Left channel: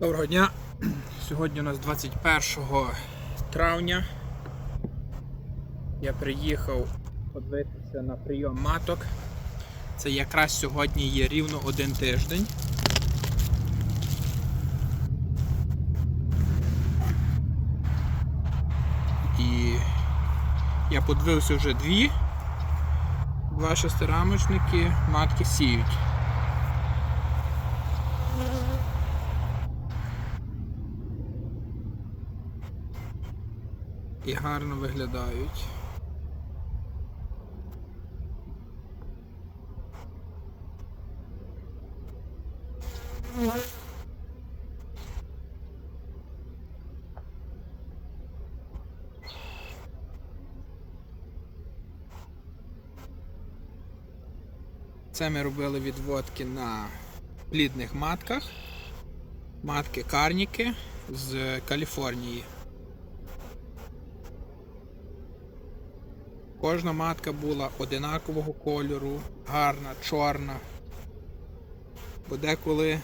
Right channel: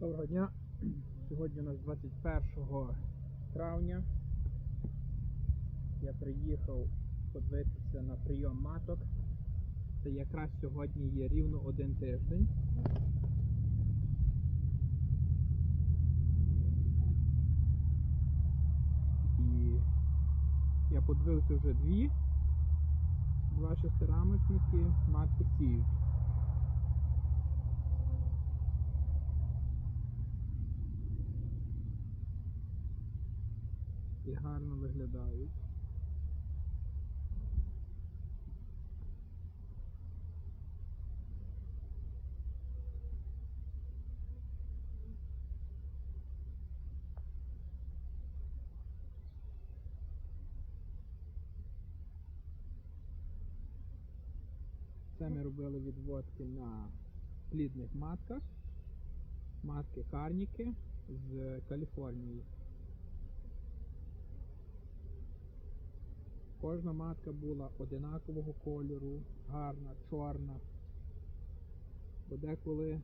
Доброго дня. Сьогодні у нас 21 травня. Я приїхав подивитися на прийом маток. Це якраз сьогодні є рівно один тиждень. І я подивився вже дві. Два шестирамочники, матки сіють. І гарно виглядають. Це ми робили відводки на плідних матках. Матки карніки з Каліфорнії. Кожна матка була одинакового кольору, гарна, чорна. Бо деколи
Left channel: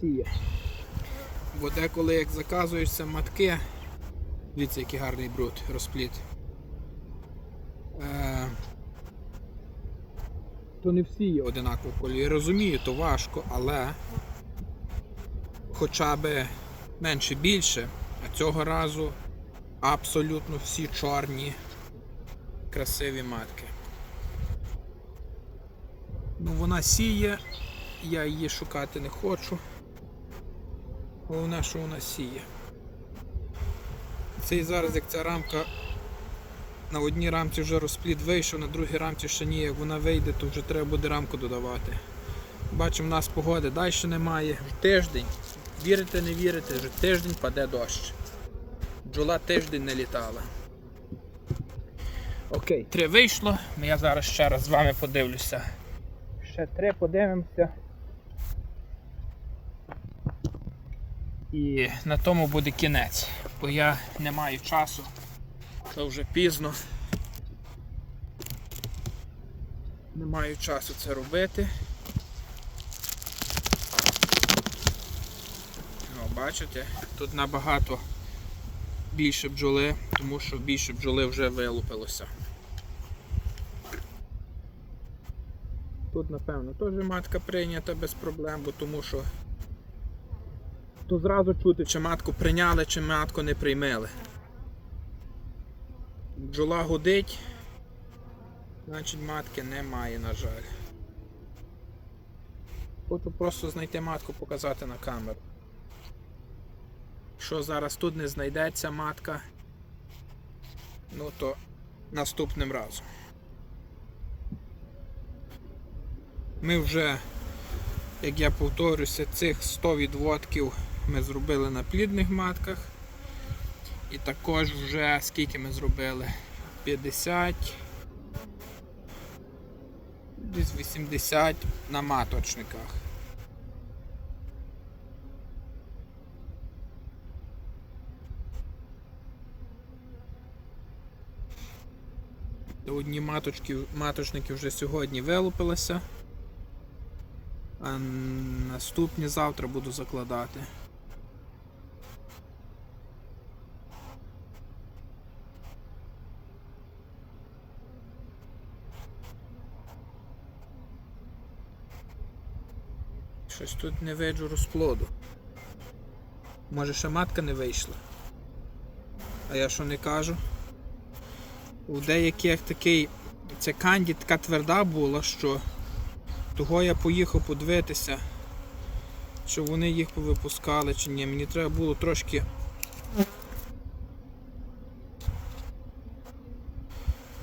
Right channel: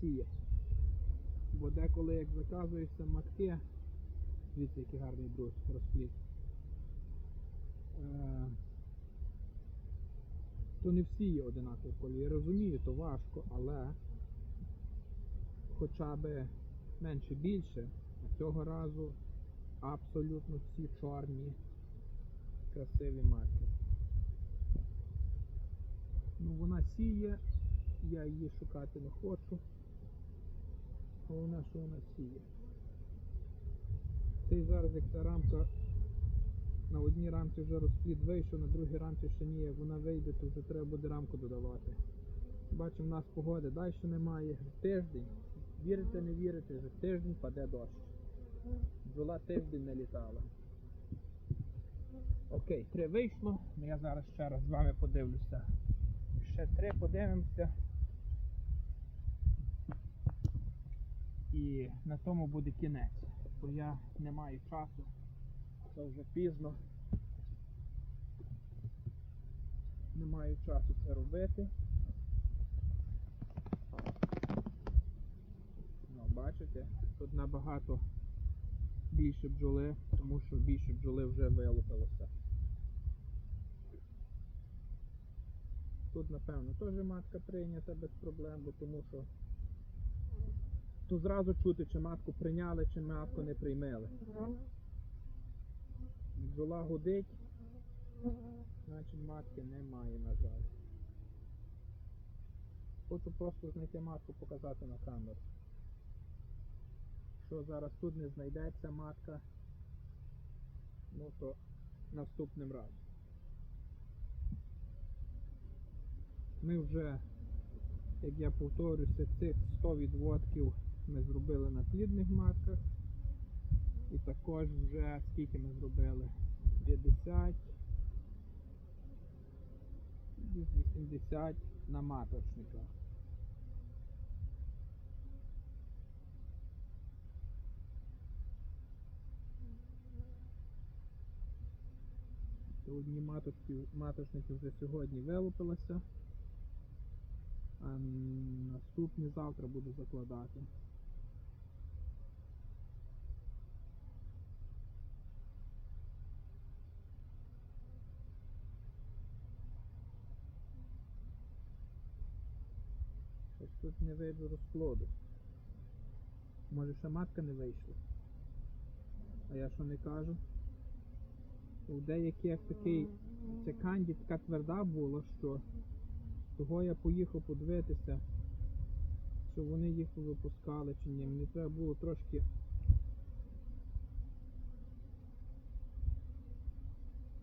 сіє. Бо деколи як заказуєшся матки, дивіться, який гарний бруд, розпліт. Е, то не всі є одинакового кольору. Я розумію, то важко, але хоча б менше більше. Цього разу абсолютно всі чорні, красиві матки. Ну вона сіє, я її шукати не хочу. Головне, що вона сіє. Цей зараз, як ця рамка на одній рамці вже розплід вийшов, на другій рамці ще ні, як вона вийде, то вже треба буде рамку додавати. Бачимо, в нас погоди далі немає. Тиждень Вірите, не вірите, вже тиждень паде дощ. Бджола тиждень не літала. Окей, три вийшло. Я зараз ще раз з вами подивлюся. Ще три подивимося. І на тому буде кінець, бо я не маю часу. Це вже пізно. Не маю часу це робити. Бачите, тут набагато більше бджоли, тому що більше бджоли вже вилупилося. Тут, напевно, теж матка прийнята без проблем, бо тому що тут зразу чути, чи матку прийняли, чи матку не приймали. Бджола гудить, значить матки немає, на жаль. Хочу просто знайти матку, показати на камеру. Якщо зараз тут не знайдеться матка, ну то наступним разом. Ми вже, як я повторюся, цих 100 відводків ми зробили на плідних матках. І також вже скільки ми зробили? 50, десь 80 на маточниках. Одні маточки, маточники вже сьогодні вилупилися, а наступні завтра буду закладати. Щось тут не виджу розплоду. Може ще матка не вийшла. А я що не кажу? У деяких такий, ця канді така тверда була, що того я поїхав подивитися, що вони їх повипускали чи ні. Мені треба було трошки.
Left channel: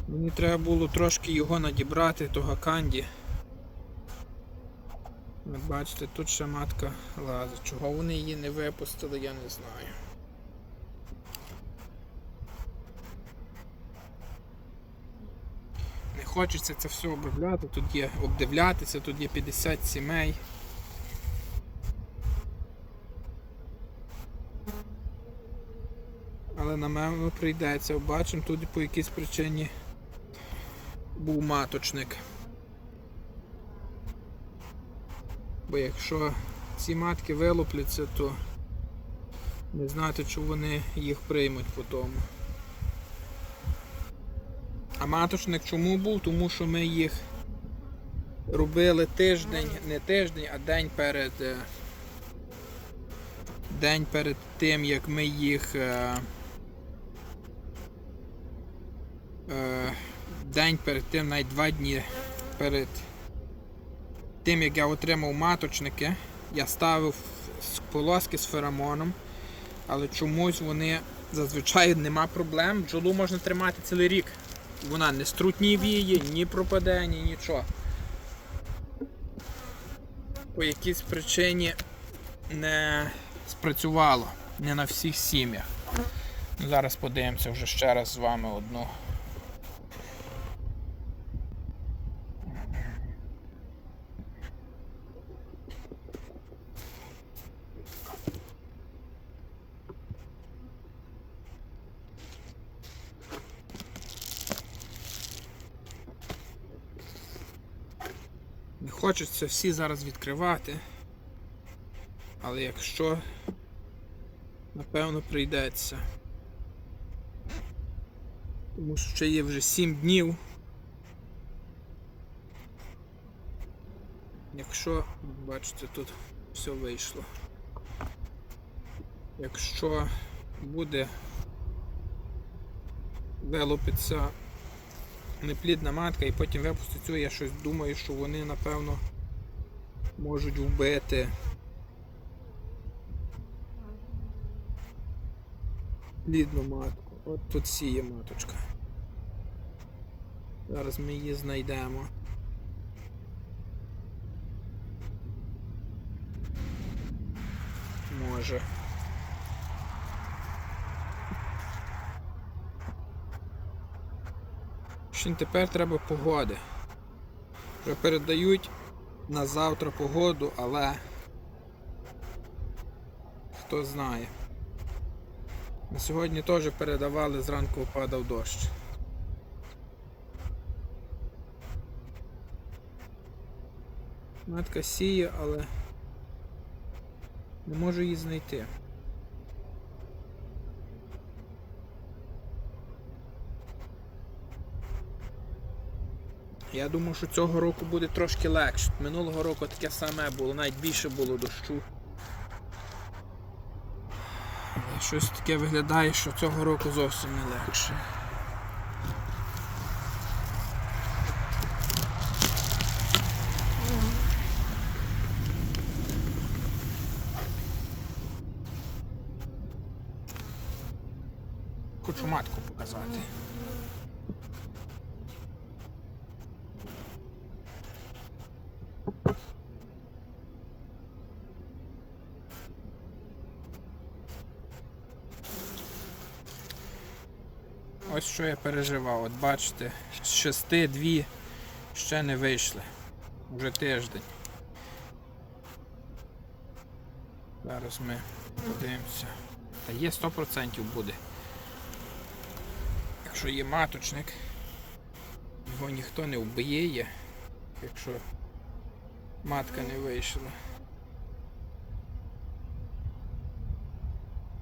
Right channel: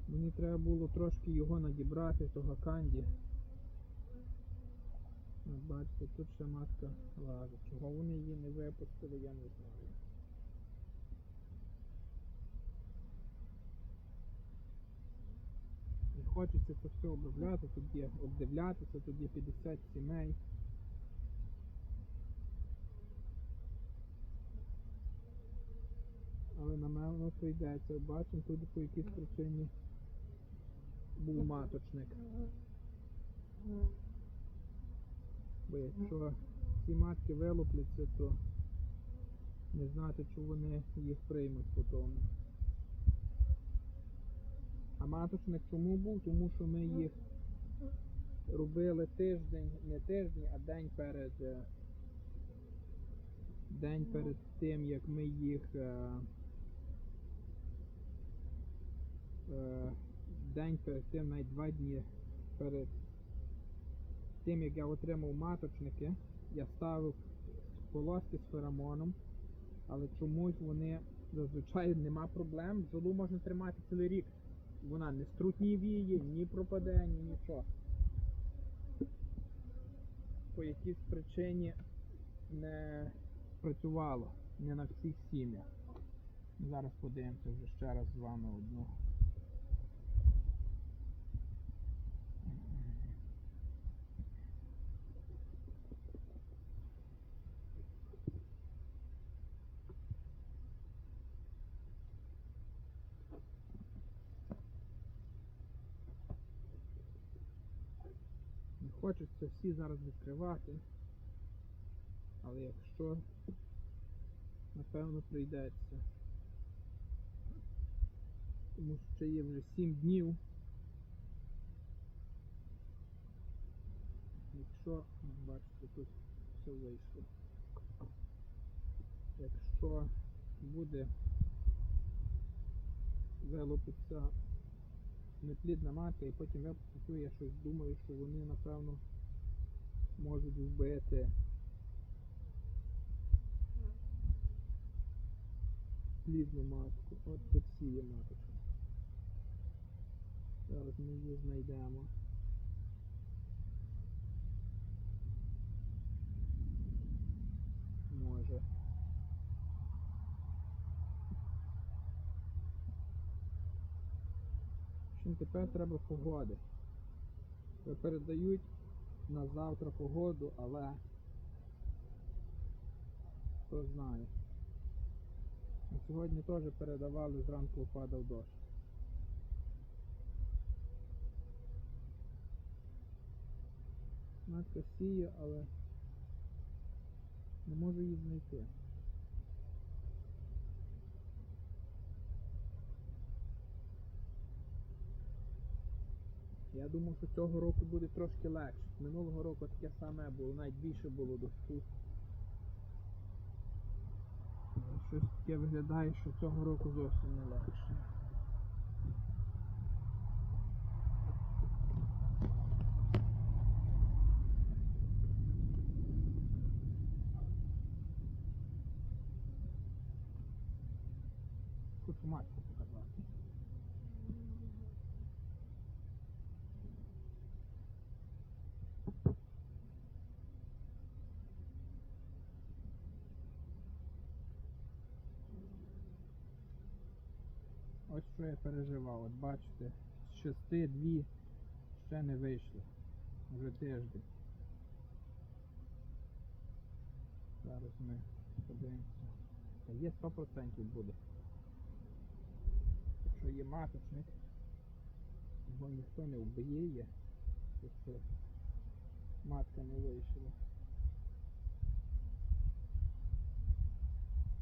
Мені треба було трошки його надібрати, того канді. Бачите, тут ще матка лазить. Чого вони її не випустили, я не знаю. Хочеться це все обробляти, тут є обдивлятися, тут є 50 сімей. Але напевно прийдеться. Бачимо, тут по якійсь причині був маточник. Бо якщо ці матки вилупляться, то не знати, чи вони їх приймуть по тому. А маточник чому був? Тому що ми їх робили тиждень, не тиждень, а день перед. е, День перед тим, як ми їх. е, е, День перед тим, навіть два дні перед тим, як я отримав маточники, я ставив полоски з феромоном, але чомусь вони зазвичай нема проблем. Бджолу можна тримати цілий рік. Вона не струтнівіє, ні пропаде, ні нічого. По якійсь причині не спрацювало. Не на всіх сім'ях. Ну, зараз подивимося вже ще раз з вами одну. Не хочеться всі зараз відкривати. Але якщо, напевно, прийдеться. Тому що ще є вже 7 днів. Якщо, бачите, тут все вийшло. Якщо буде вилупиться неплідна матка і потім випустить цю, я щось думаю, що вони напевно можуть вбити плідну матку. От тут сіє маточка. Зараз ми її знайдемо. Може. Ще тепер треба погоди. Вже передають на завтра погоду, але хто знає. На сьогодні теж передавали, зранку впадав дощ. Матка сіє, але не можу її знайти. Я думаю, що цього року буде трошки легше. Минулого року таке саме було, навіть більше було дощу. Щось таке виглядає, що цього року зовсім не легше. Хочу матку показати. Ось що я переживав. От бачите, з шести дві ще не вийшли. Вже тиждень. Зараз ми подивимося. Та є 100% буде. Якщо є маточник, його ніхто не вбиє, якщо матка не вийшла.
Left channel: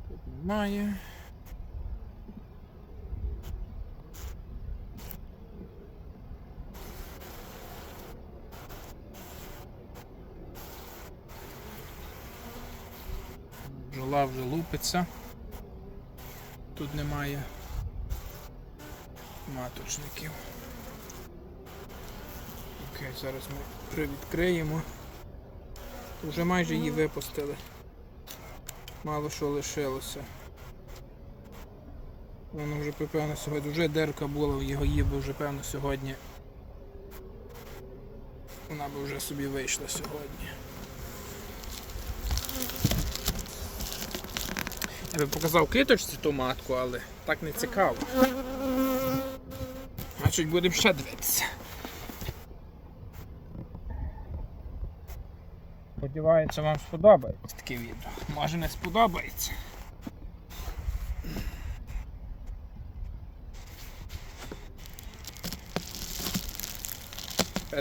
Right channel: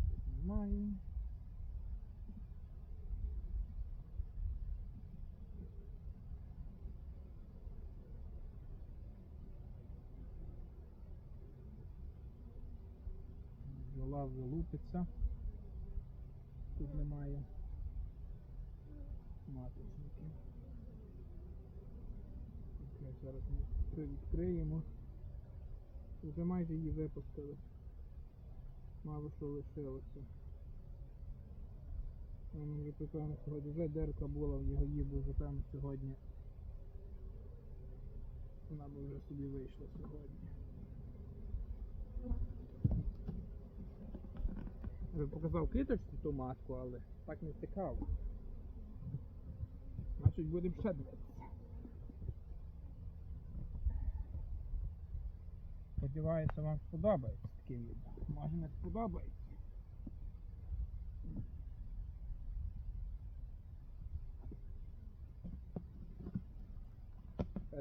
Тут немає. Бджола вже лупиться. Тут немає маточників. Окей, зараз ми привідкриємо. Вже майже її випустили. Мало що лишилося. Воно вже певно сьогодні вже дерка була в його її, вже певно сьогодні. Вона би вже собі вийшла сьогодні. Я би показав кліточці ту матку, але так не цікаво. Значить будемо ще дивитися. Сподіваюся, вам сподобається таке відео. Може не сподобається.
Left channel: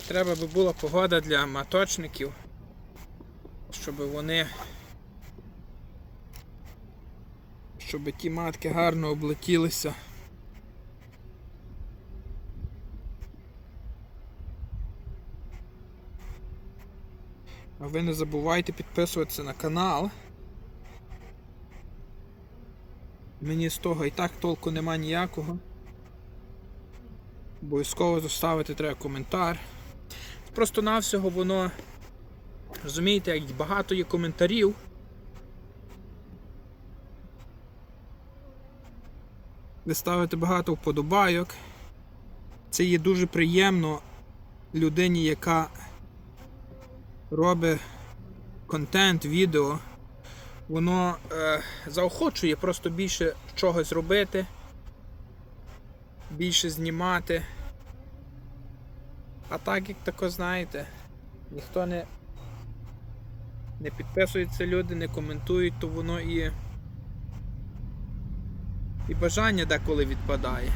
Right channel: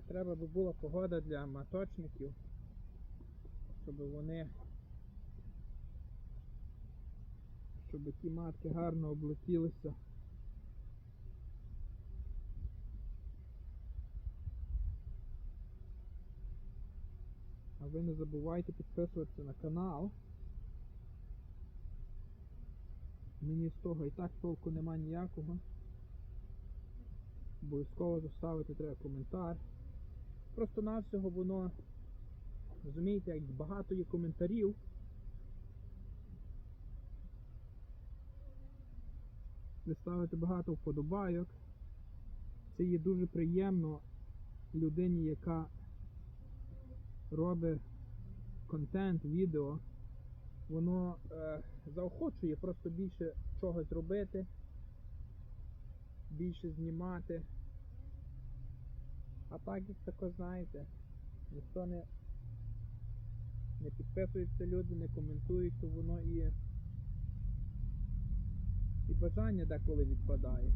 Треба би була погода для маточників. щоб вони. Щоб ті матки гарно облетілися. А ви не забувайте підписуватися на канал. Мені з того і так толку нема ніякого. Обов'язково заставити треба коментар. Просто навсього воно, розумієте, як багато є коментарів. Ви ставите багато вподобайок. Це є дуже приємно людині, яка робить контент, відео. Воно е, заохочує просто більше чогось робити, більше знімати. А так, як тако знаєте, ніхто не, не підписується люди, не коментують, то воно і, і бажання деколи відпадає.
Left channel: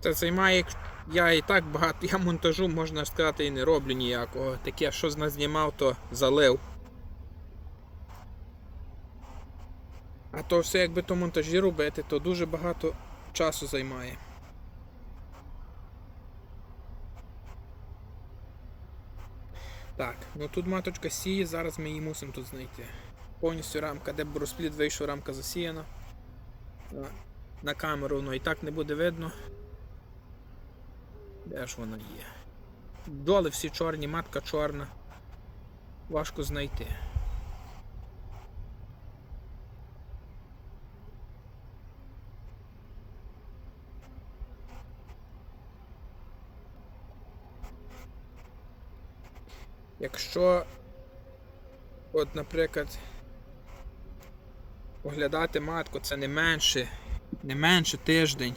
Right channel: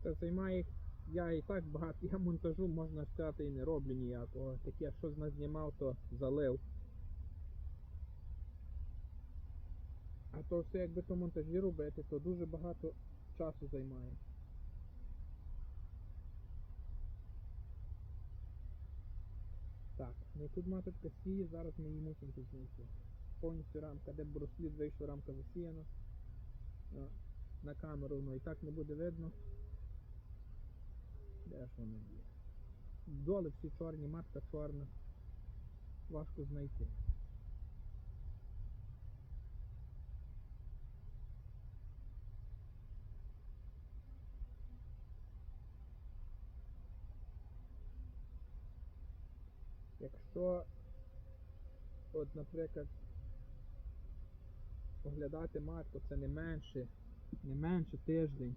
Це займає, я і так багато, я монтажу, можна сказати, і не роблю ніякого. Таке, що знімав, то залив. А то все, якби то монтажі робити, то дуже багато часу займає. Так, ну тут маточка сіє, зараз ми її мусимо тут знайти. Повністю рамка, де б розплід вийшов, рамка засіяна. На камеру воно і так не буде видно. Де ж вона є? Доли всі чорні, матка чорна. Важко знайти. Якщо, от, наприклад, оглядати матку, це не менше, не менше тиждень.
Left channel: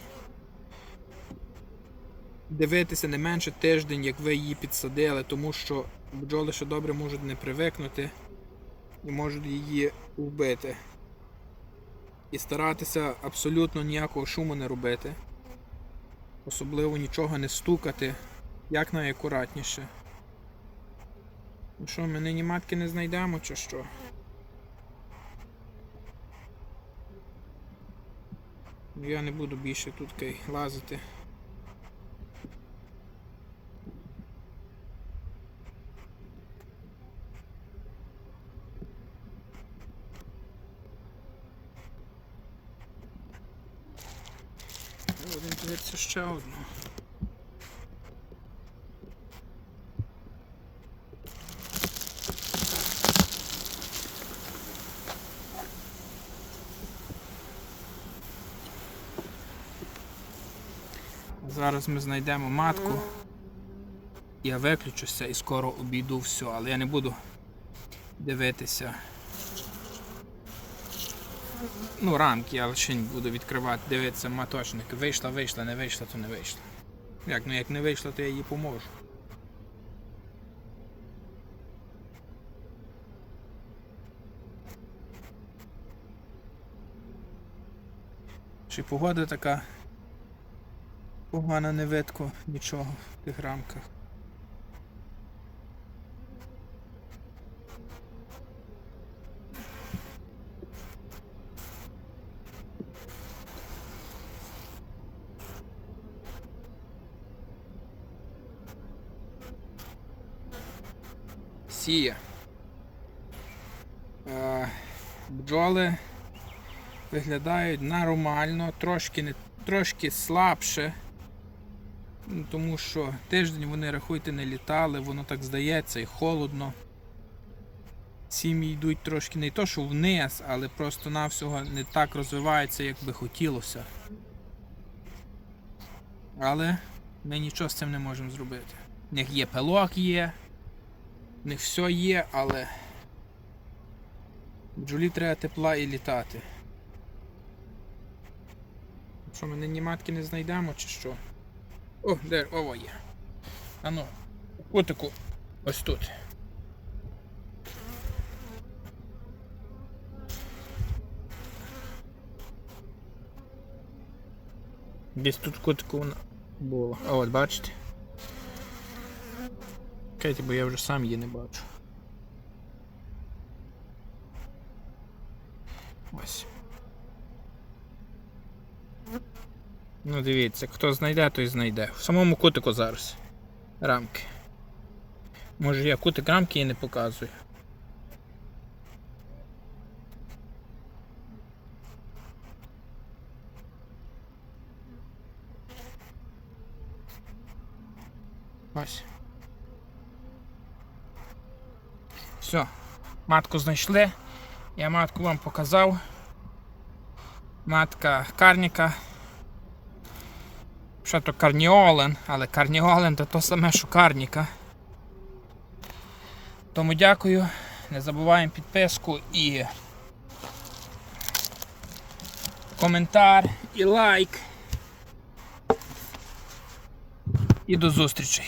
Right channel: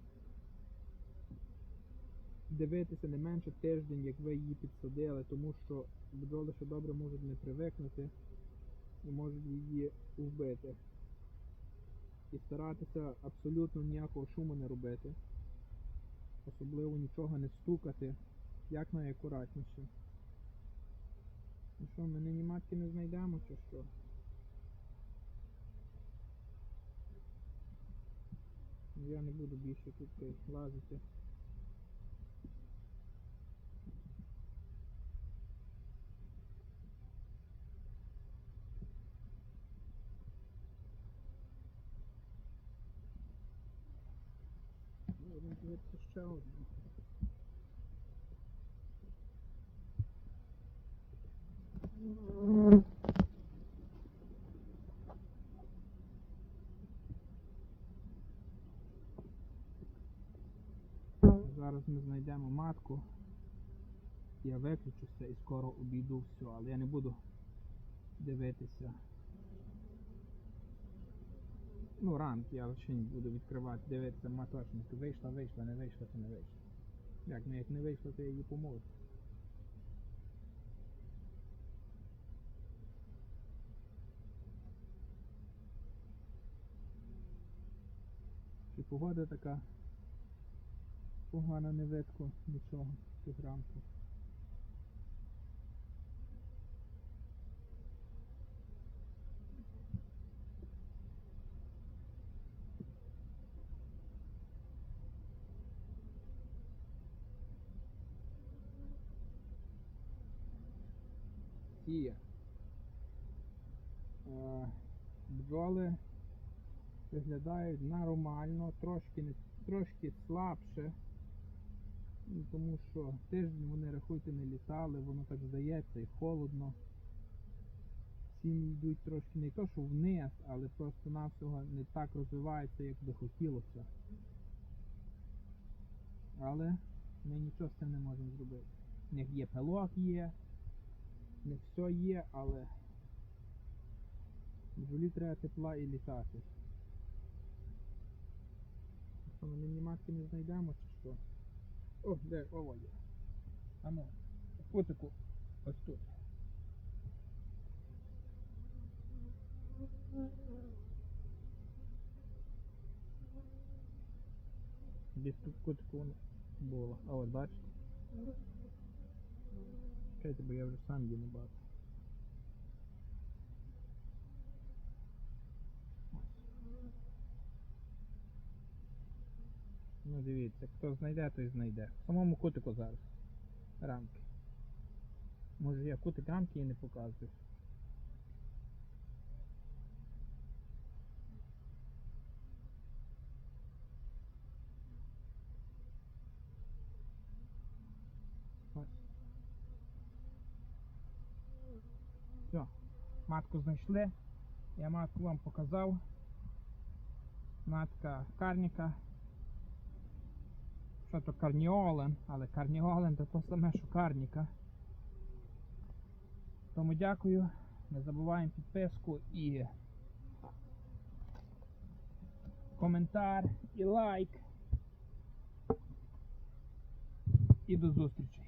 Дивитися не менше тиждень, як ви її підсадили, тому що бджоли ще добре можуть не привикнути і можуть її вбити. І старатися абсолютно ніякого шуму не робити. Особливо нічого не стукати, як найакуратніше. Ну що, ми нині матки не знайдемо чи що? Я не буду більше тут лазити. Будемо дивитися ще одну. Зараз ми знайдемо матку. Я виключуся і скоро обійду все, але я не буду дивитися. Ну, рамки, я лише не буду відкривати, дивитися маточник. Вийшла, вийшла, не вийшла, то не вийшла. Як, ну як не вийшла, то я їй поможу. Чи погода така погана не видко нічого в тих рамках. Сіє. Е, бджоли виглядають нормально, трошки не трошки слабше. Ну, Тому що тиждень вони, рахуйте, не літали, воно так здається і холодно. Сім'ї йдуть трошки не то, що вниз, але просто навсього не так розвиваються, як би хотілося. Але ми нічого з цим не можемо зробити. В них є пилок є, в них все є, але бджолі треба тепла і літати. Що, ми нині матки не знайдемо чи що? О, де, ово є. А ну, котику, ось тут. Десь тут кутику вона була. А от бачите? Чекайте, бо я вже сам її не бачу. Ось. Ну дивіться, хто знайде, той знайде. В самому кутику зараз. Рамки. Може я кутик рамки і не показую. Ось. Все. Матку знайшли. Я матку вам показав. Матка карніка. Що то карніолен, але карніолен то то саме, що карніка. Тому дякую. Не забуваємо підписку і коментар, і лайк. І до зустрічі.